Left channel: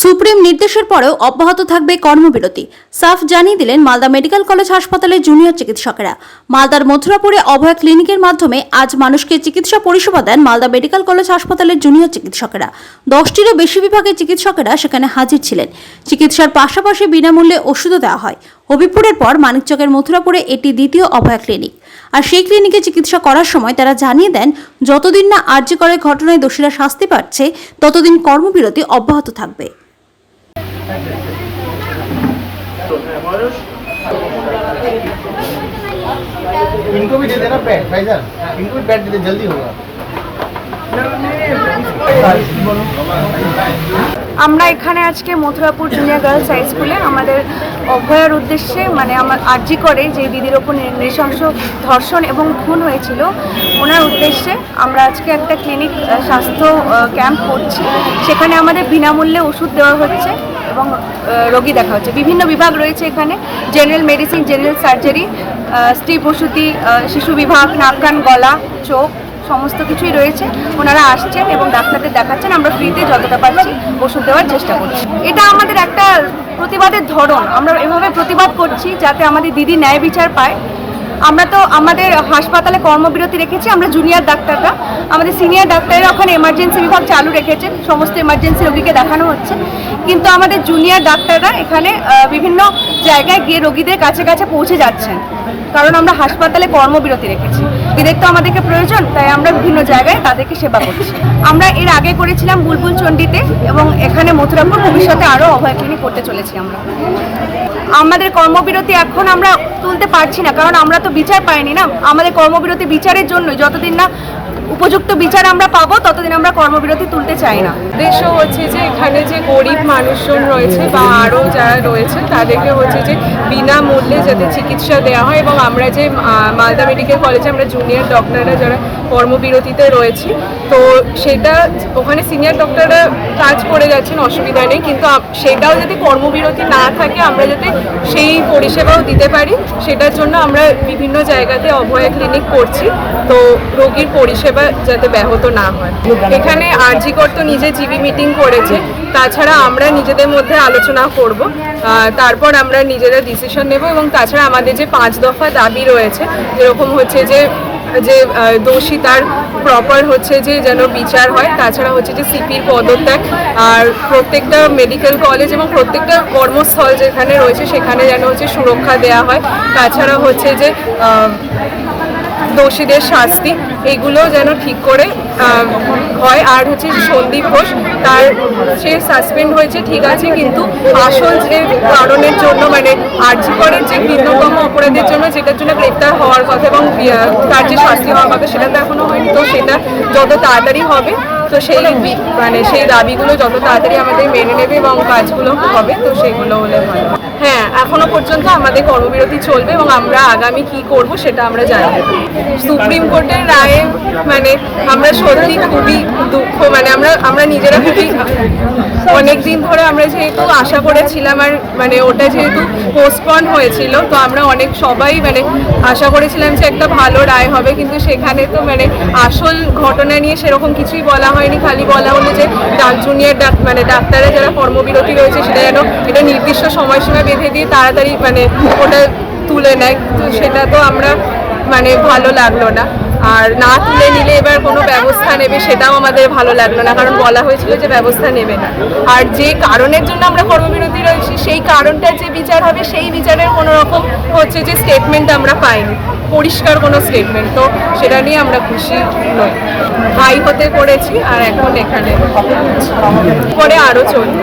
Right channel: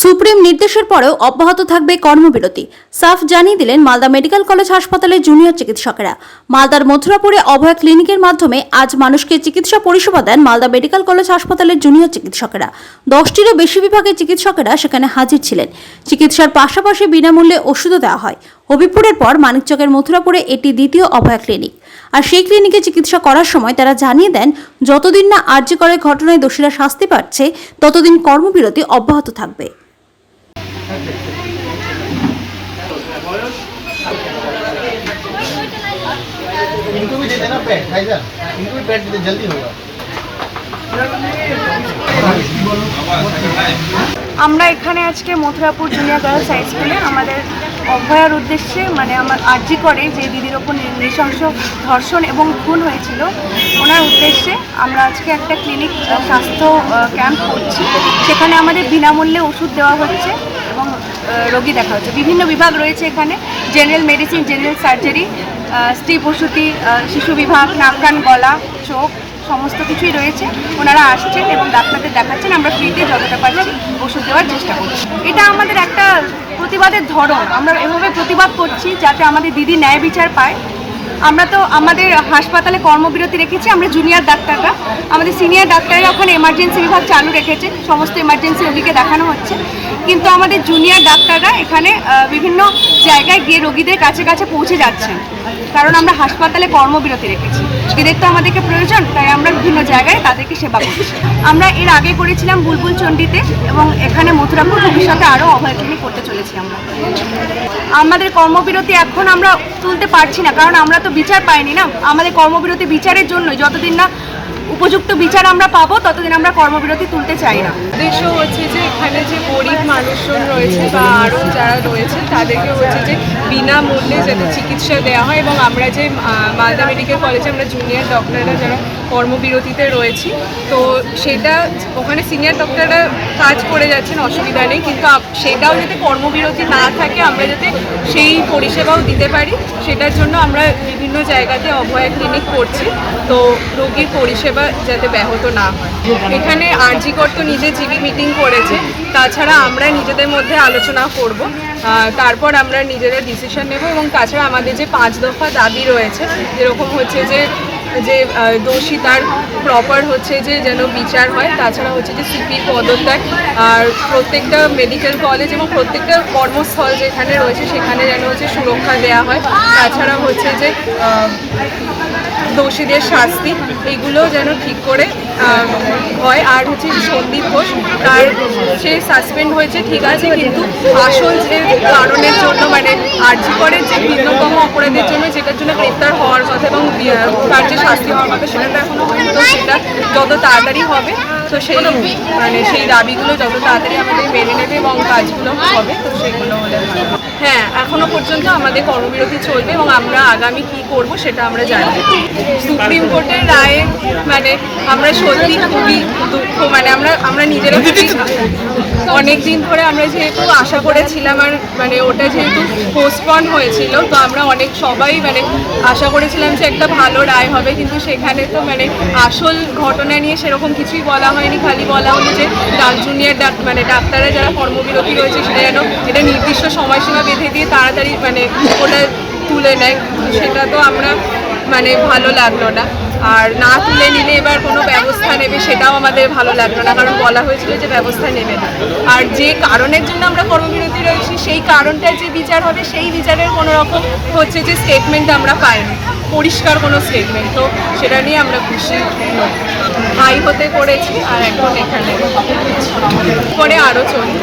Supreme নির্দেশের পরেও অব্যাহত থাকবে কর্মবিরতি। সাফ জানিয়ে দিলেন মালদা মেডিকেল কলেজ হাসপাতালের জুনিয়র চিকিৎসকেরা। মালদার মথুরাপুরে অভয়া ক্লিনিকের মাধ্যমে আজ মানুষকে চিকিৎসা পরিষেবা দেন মালদা মেডিকেল কলেজ হাসপাতালের জুনিয়র চিকিৎসকেরা। 10টিরও বেশি বিভাগের চিকিৎসকেরা সেখানে হাজির ছিলেন। চিকিৎসার পাশাপাশি বিনামূল্যে ওষুধও দেওয়া হয়। হবিপুরের পর মানিকচকের মথুরাপুরে এটি দ্বিতীয় অভয়া ক্লিনিক। আর সেই ক্লিনিকে চিকিৎসা করার সময় তারা জানিয়ে দেন, যতদিন না আরজি করের ঘটনায় দোষীরা শাস্তি পাচ্ছে ততদিন কর্মবিরতি অব্যাহত থাকবে। इनको भी दे देना पैड भाईजान, इनको भी पैड दे दे, जल्दी होगा। আমরা এখানে আজকে মথুরাপুর জুনিয়র গার্লস হাই স্কুলে আমাদের অভয়ার উদ্দেশ্যে আমার আরজি করে যে দিদির ওপর নৃশংস ধর্ষণ এবং খুন হয়েছিল ওনার উদ্দেশ্যে আমরা আজকে একটা ক্লিনিক স্বাস্থ্য ক্যাম্প করছি। সেখানে আমাদের বিনামূল্যে ওষুধ দেওয়া হচ্ছে এবং রোগী দেখা হচ্ছে। বিভিন্ন বিভাগ রয়েছে এখানে, জেনারেল মেডিসিন, জেনারেল সার্জারি, স্ত্রী প্রসূতি, শিশু বিভাগ, নাক কান গলা চোখ সমস্ত কিছুই রয়েছে। ওনারা আসছেন এবং ডাক্তারদের দেখাচ্ছেন। আমরা ফ্রিতে যতটা পারছি ওষুধ দেওয়ার চেষ্টা করছি। এটা আমাদের একটা প্রতিবাদের ধরন। আমরা এভাবে প্রতিবাদ করছি যাতে আমাদের দিদি ন্যায় বিচার পায়। আমরা তো আমাদের হাসপাতালে কর্মবিরতি রেখেছি, আমরা জুনিয়র ডাক্তাররা। আমাদের সিনিয়র ডাক্তাররা ওখানে এমার্জেন্সি বিভাগ চালু রেখেছেন, সমস্ত এমার্জেন্সি রোগীকে দেখানো হচ্ছে। কিন্তু আমাদের জুনিয়র ডাক্তাররা এখানে বিভিন্ন জায়গায় গিয়ে রোগীদের কাছে কাছে পৌঁছে যাচ্ছেন, কারণ আমরা হাসপাতালে কর্মবিরতি রেখেছি। দিদের তো আমাদেরকে প্রয়োজন, তাই আমরা বিভিন্ন জায়গায় তাদেরকে সেবা করছি। আমরা এর আগে করেছিলাম বুলবুল চণ্ডীতে এবং এখানে মথুরাপুর, ভবিষ্যতে আরও অভয় ক্লিনিক করতে চলেছি। আমাদের কর্মবিরতি এখন আমরা তুলতে পারছি না, কারণ আমরা তো বিচার পাইনি না। আমাদের কর্মবিরতি বিচারের জন্যই, যতদিন না উপযুক্ত বিচার আমরা পাবো ততদিন আমরা কর্মবিরতি তুলতে চাই না। উদ্দেশ্য হচ্ছে যে এখানে যে গরিব মানুষজন রয়েছে বা আরও যারা রয়েছে তাদেরকে হচ্ছে যে বিনামূল্যে যাতে চিকিৎসা দেওয়া হয়। এবং আমরা যে মালদা মেডিকেল কলেজে আমরা জুনিয়র ডক্টররা যারা কর্মবিরতিতে রয়েছি, তো সেটা ওখানে সিনিয়র ডক্টররা কাজ করে যাচ্ছেন, অসুবিধা নেই। কিন্তু সেটাও যাতে কর্মবিরতি না থাকে, আমরা যাতে সেই পরিষেবাও দিতে পারি, সেটার জন্য আমরা বিভিন্ন জায়গাতে অভয়া ক্লিনিক করছি, তো রোগীর পরিষেবা যাতে ব্যাহত না হয়। এখানে আরজি কর তো নিজে জিবি মিটিং করেছে, তাছাড়া আমরা নিজেদের মধ্যে আলোচনা করব, তারপর আমরা নিজেরা ডিসিশন নেব। এবং তাছাড়া আমাদের যে 5 দফা দাবি রয়েছে, যেরকম হচ্ছে যে দোষী তার প্রপার হচ্ছে যে যেন বিচার হয়, তাছাড়া হচ্ছে যে সিপির পদত্যাগ, আর প্রত্যেকটা মেডিকেল কলেজ এবং প্রত্যেকটা কর্মস্থল যেখানে রয়েছে সেখানে যেন হচ্ছে সুরক্ষা দেওয়া হয়, তাছাড়া হচ্ছে যে দোষীদের শাস্তি এইগুলো যেন ঠিক করে হয়। আর হচ্ছে সন্দীপ ঘোষ, তার সে সাসপেন্ড হয়েছে ঠিক আছে, কিন্তু আসল যে কারণের জন্য আরজি করের যে ভিন্নতম অপরাধের জন্য যেটার জন্য গ্রেপ্তার হওয়ার কথা এবং তার যে শাস্তি হওয়ার কথা সেটা তো এখনও হয়নি। তো সেটা যত তাড়াতাড়ি হবে, তো সেই দাবিগুলো যত তাড়াতাড়ি আমাদের মেনে নেবে এবং কাজগুলো হবে, তো সেগুলো হলে ভালো। হ্যাঁ, এখনো পর্যন্ত আমাদের কর্মবিরতি চলবে এবং আমরা আগামী কি করব সেটা আমরা জানি। সুপ্রিম কোর্টের রায়ে আমরা সত্যি খুবই দুঃখ, আমরা নিজেরা অনেক দিন ধরে আমরা যেহেতু আশা করেছিলাম, আর ওটা যেহেতু পোস্টপন হয়েছিল, তো আমরা সবাই আশা করেছিলাম যে একটা ভালো রায় হবে। কিন্তু সেখানে তো আসল ঘটনা নিয়ে সেরকম কিছুই বলা হয়নি। খালি বলা হলো যে জুনিয়র ডাক্তাররা যারা কর্মবিরতি রয়েছে সেটা যেন এটা নির্দিষ্ট সময়সীমা বেঁধে দিয়ে তাড়াতাড়ি ওটা তুলে নেয়। সেটা তো আমরা ভালো লাগলো না। আর না তুলে নিলে এবার কোনো ব্যবস্থা নেবে সেটাও আমাদের ভালো লাগলো না, কারণ বলা হয়েছিল যে ব্যবস্থা নেবে না। আর যে কারণের জন্য আমরা কর্মবিরতি রয়েছি সেই কারণটার যে বিচার হবে সেই বিচারের কোনো রকম হচ্ছে যে স্টেটমেন্ট আমরা পাইনি, পরিষ্কার কোনো স্টেটমেন্ট। তো সেটা নিয়ে আমরা খুশি নই। হাই হতে করেছি আর এখন এখানে পরে আরও চলবে।